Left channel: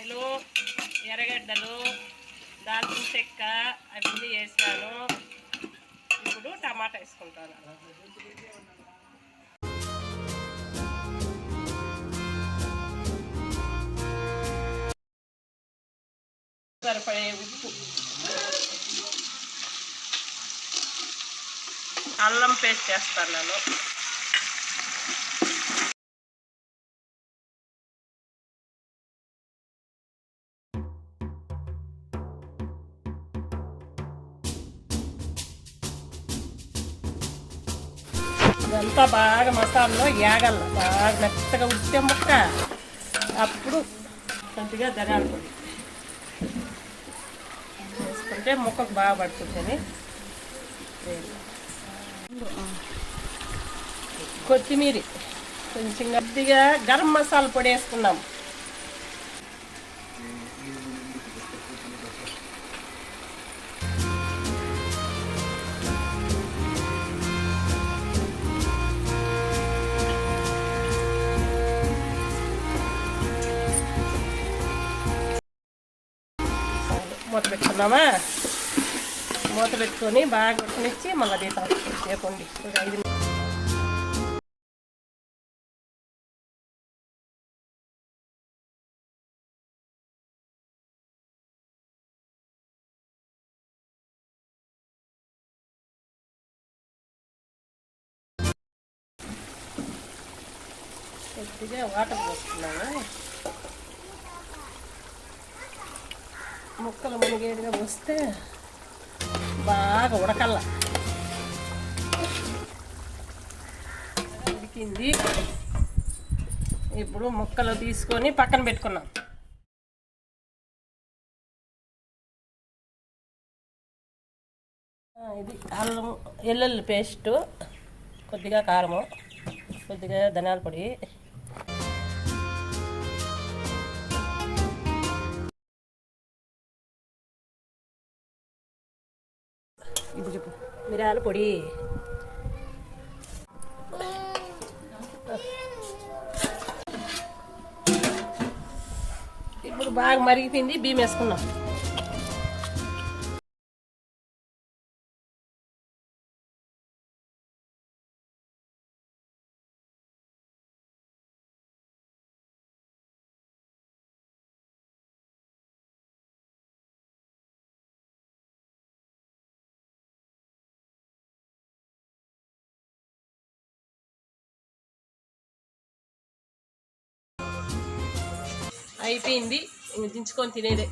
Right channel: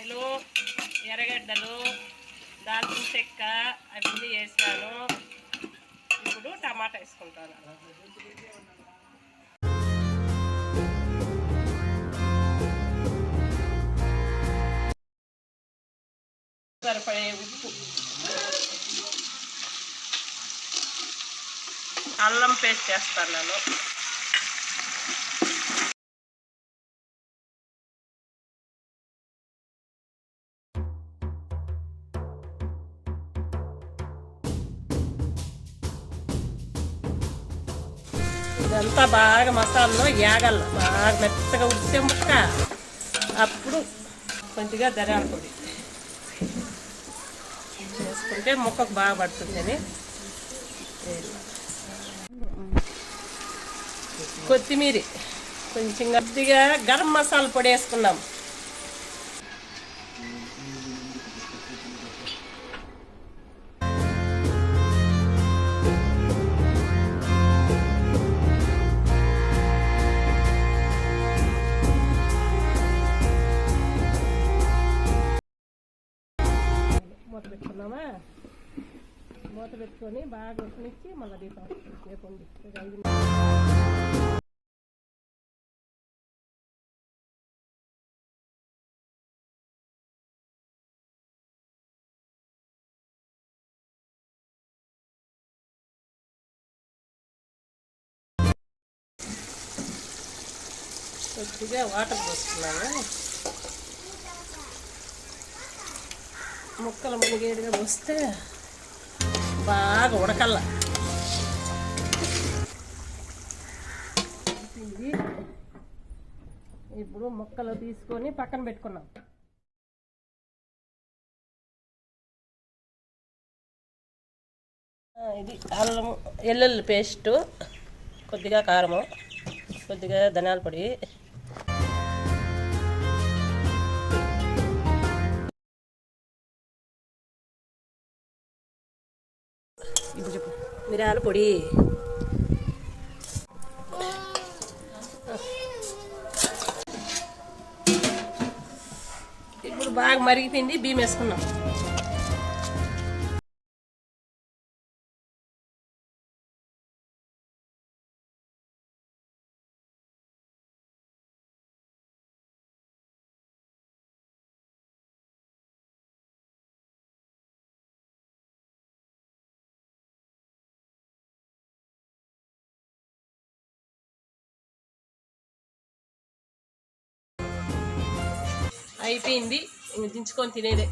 ఉల్లిపాయలు ఎర్రగడ్డలు దాల్చిన చెక్క అవన్నీ వేసాను ఇప్పుడు టమాటా వేసుకుంటాను. సరిపడే ఉప్పు. అల్లం పేస్ట్ చేస్తాను నేను. ఇదంతా బాగా మసాలాలో యాగల బాగా మెత్తగా ఉడితే ముక్క. అప్పుడు కొద్దిగా ధనియాల పొడి. వేసుకుంటే ముక్కకు బాగా పడుతుందని. కొత్తిమీర. కొంచెం కొద్దిగా గరం మసాలా పొడి వేసుకున్నాం మూత పెట్టుకున్నామా? మూత పెట్టుకొని బాగా ఉడకనిచ్చి మళ్ళీ దీపం చేపండి ఒక ఐదు కొద్దిగా వాటర్ పోసుకున్నాము. ముక్కలు మునిగేడుగా పోస్తే బాగా ఉడకల్ల. ఉడికింది. ఇప్పుడు ముక్కలు తీసుకొని పక్కన పెట్టుకున్నాం. ఇది అల్లం ఎల్లుల్లి పేస్టు కొద్దిగా కారము కొద్దిగా ధనియాల పొడి ఇప్పుడు చెప్పు. మిరియాల పొడి. ఇప్పుడు బాగా మరిగిపోయింది బియ్యం వేసుకున్నాం అయిపోయింది. దించుకొని తినేదే.